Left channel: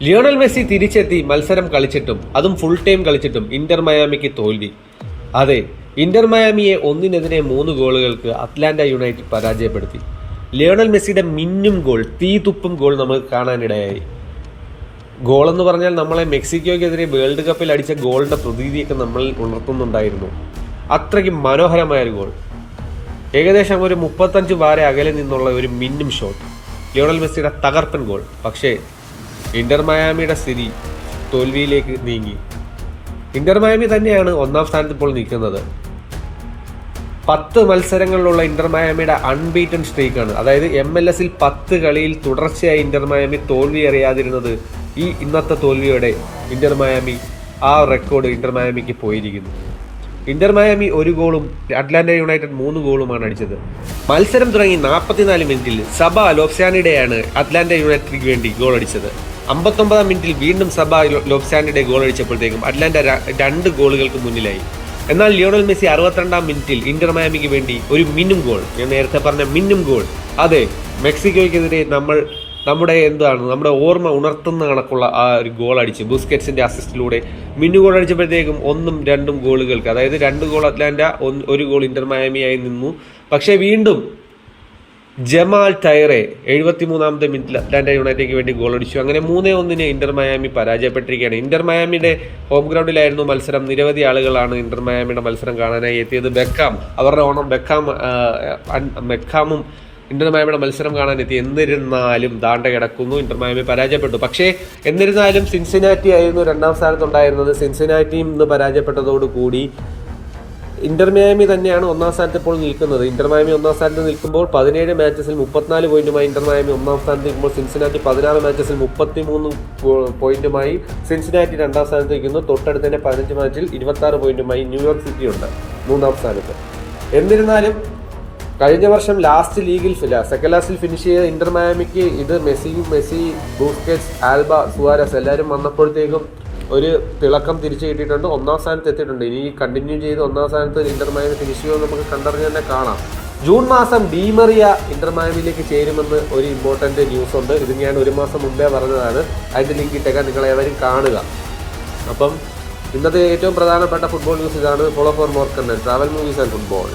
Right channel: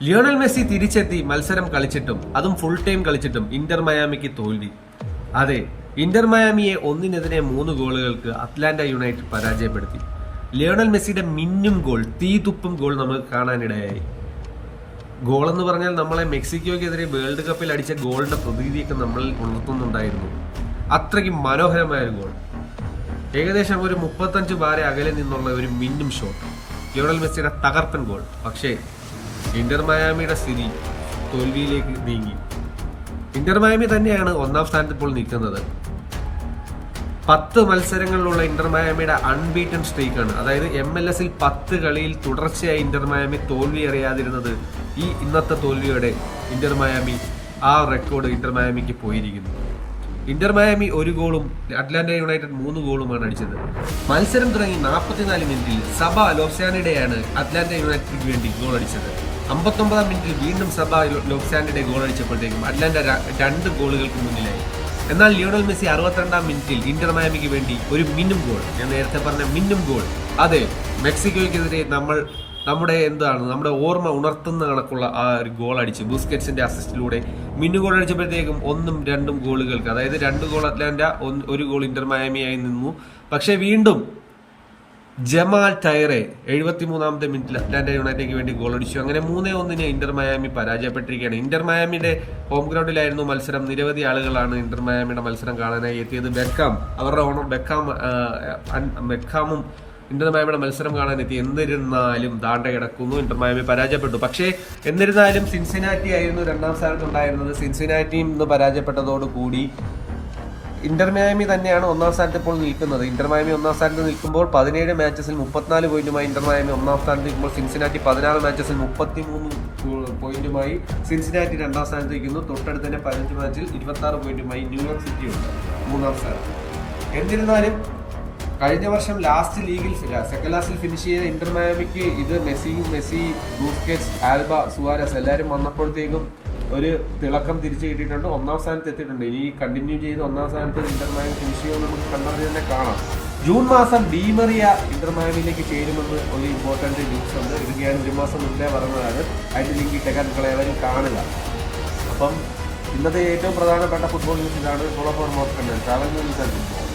Lionel Messi തിരിച്ചെത്തി മത്സരം കളിച്ചിട്ടും അതും ഫുൾ ടൈം കളിച്ചിട്ടും ഇന്റർ മയാമിക്ക് തോൽവി. അതെ, ഇന്റർ മയാമിയെ 1-3 ഗോളുകൾക്ക് അറ്റ്ലാന്റ യുണൈറ്റഡ് പരാജയപ്പെടുത്തി. ലിയോണൽ മെസ്സിയുടെ മിന്നും ഗോൾ, തീതുപ്പും ഗോൾ നമുക്ക് കാണാനിടയായി. ഗോളെന്ന് പറഞ്ഞാൽ നമ്മളെ മെക്സിക്കോയ്ക്കെതിരെ വേൾഡ് കപ്പിൽ അടിച്ച ഗോളിന്റെ പ്രതീതിയൊക്കെ നമ്മൾ ഉണർത്തുന്നുണ്ടായിരുന്നു. അത്രയ്ക്ക് മനോഹരമായൊരു ഗോൾ. ഏകദേശം ഒരു 35 വാര അകലെ നിന്നുള്ള ഒരു മിന്നും ഷോട്ട്, ലിയോണൽ മെസ്സിയുടെ തകർപ്പൻ ഗോൾ. പക്ഷേ ഇന്റർ മയാമിയുടെ സ്ഥിതി തോൽവിയിലേക്ക് നീങ്ങി. ഇന്റർ മയാമി തന്നെയാണ് ഒന്നാം സ്ഥാനത്ത് ഇപ്പോൾ നിൽക്കുന്നത്. 10 മത്സരങ്ങളിലുള്ള ഇന്റർ മയാമിയുടെ അൺബീറ്റൺ സ്ട്രീക്കാണ്. അതായത് MLS-ൽ 10 കളിയിൽ തുടർച്ചയായി ഇന്റർ മയാമി തോൽവി അറിയാതിരുന്നത്. ഇന്നത്തെ തോൽവിയോടെ ഇന്റർ മയാമി ആ റെക്കോർഡ് ഇന്റർ മയാമിക്ക് പോയിരിക്കുന്നു. ഇന്റർ മയാമി 1 ഗോളും അറ്റ്ലാന്റ യുണൈറ്റഡ് 3 ഗോളുമാണ് അടിച്ചത്. മത്സരം തുടങ്ങി 44 മിനിറ്റിൽ സബ ലോപ്സാനിഡെയാണ് അറ്റ്ലാന്റ യുണൈറ്റഡിന് വേണ്ടി ഗോൾ അടിച്ചത്. 59 മിനിറ്റിൽ വീണ്ടും സബ ലോപ്സാനിഡെ ഗോൾ അടിച്ചപ്പോഴത്തേക്കും അറ്റ്ലാന്റ 2 ഗോളുകൾക്ക് മുന്നിലായി. എന്നാൽ ലിയോണൽ മെസ്സി 62 മിനിറ്റിൽ ഇന്റർ മയാമിക്ക് വേണ്ടി ഒരു മിന്നും ഗോൾ, ഞാൻ നേരത്തെ പറഞ്ഞ മിന്നും ഗോൾ, അതെ, മെക്സിക്കോയ്ക്കെതിരെ നമ്മുടെ ഓർമ്മ ഉണർത്തുന്ന കണക്കുള്ള ആ ഒരു ഗോൾ അടിച്ച് ബുസ്കറ്റ്സിന്റെ അസിസ്റ്റിലൂടെ മിന്നു ഗോൾ അടിച്ചപ്പോഴത്തേക്കും 1-2 ഗോളുകൾക്ക്, അതായത് 2 ഗോൾ അറ്റ്ലാന്റ, 1 ഗോൾ ഇന്റർ മയാമിയായി നിന്നു. പക്ഷേ വീണ്ടും ജമാൽ ടയറെ 73-ാമത്തെ മിനിറ്റിൽ അറ്റ്ലാന്റ യുണൈറ്റഡിന് വേണ്ടി ഗോൾ അടിച്ചു. അങ്ങനെ 3-1 ഇന്റർ മയാമി പരാജയപ്പെട്ടിരിക്കുകയാണ്. ഇന്റർ മയാമിയുടെ ഹോം ഗ്രൗണ്ടിലായിരുന്നു മത്സരം. നിരവധി ആളുകളാണ് ഇന്റർ മയാമിയുടെ മത്സരം കാണാനായി എത്തിയത്. അവരുടെ ഓണർ ബെക്കാമും ഇന്റർ മയാമിയുടെ മത്സരം കാണാനെത്തി. എന്നിരുന്നാലും ദാണ്ട കിടക്കുന്നു, ഇന്റർ മയാമി പരാജയപ്പെട്ടു. പക്ഷേ എന്നിരുന്നാലും സിൻസിനാറ്റി ആയിരുന്നു 2ാം സ്ഥാനത്തുണ്ടായിരുന്നത്. സിൻസിനാറ്റിയും ഇന്ന് പരാജയപ്പെട്ടതോടുകൂടി ഇന്റർ മയാമി തന്നെയാണ് 1ാം സ്ഥാനത്ത് ഇപ്പോൾ നിൽക്കുന്നത്. ഇന്റർ മയാമി 1ാം സ്ഥാനത്ത് നിൽക്കുമ്പോൾ 17 മാച്ചസിൽ 34 പോയിന്റുമായി ഇന്റർ മയാമി 1ാം സ്ഥാനത്ത് നിൽക്കുമ്പോൾ സിൻസിനാറ്റി 16 മാച്ചസിൽ 33 പോയിന്റുമായി സിൻസിനാറ്റി 2ാം സ്ഥാനത്ത് നിൽക്കുന്നു. തൊട്ടടുത്ത് തന്നെ 15 മാച്ചിൽ 26 പോയിന്റുമായി ന്യൂയോർക്ക് സിറ്റി ഉണ്ട് 3ാം സ്ഥാനത്ത്. എന്നിരുന്നാലും കഴിഞ്ഞ വർഷം സെക്കൻഡ് ലാസ്റ്റിൽ ഫിനിഷ് ചെയ്ത ഇന്റർ മയാമിക്ക് ഇത് മെസ്സി, ബൂസ്കറ്റ്സ്, ആൽബ, സുവാരസ് എല്ലാവരും വന്നപ്പോഴത്തേക്കും ഒരു തിളക്കം തിരിച്ചു കിട്ടിയിട്ടുണ്ട്. 1ാം സ്ഥാനത്ത് എത്തിയിട്ടുണ്ട്. ഇനി കണ്ടിന്യൂ ചെയ്ത് 1ാം സ്ഥാനത്ത് ഇന്റർ മയാമി ഫിനിഷ് ചെയ്യുമെന്ന് നമുക്ക് കണ്ടറിഞ്ഞ് തന്നെ കാണാം. ജൂൺ മാസം ഡീമറിയ ഇന്റർ മയാമിയിലേക്ക് ചേരുമെന്ന് ഒരു ഇമ്പോർട്ടൻ്റ് ന്യൂസ് ഉണ്ട്. ഇത് ഞാൻ 1 മാസം മുമ്പേ പറഞ്ഞതാണ്. അതിൻ്റെ ലിങ്ക് ഇട്ടേക്കാൻ നിങ്ങൾ ഏവരും കാണുക. അപ്പം ഇന്നത്തെ ഏറ്റവും പ്രധാനപ്പെട്ട ഫുട്ബോൾ ന്യൂസ് ഇതാണ്. Follow for more content, travel movies and football.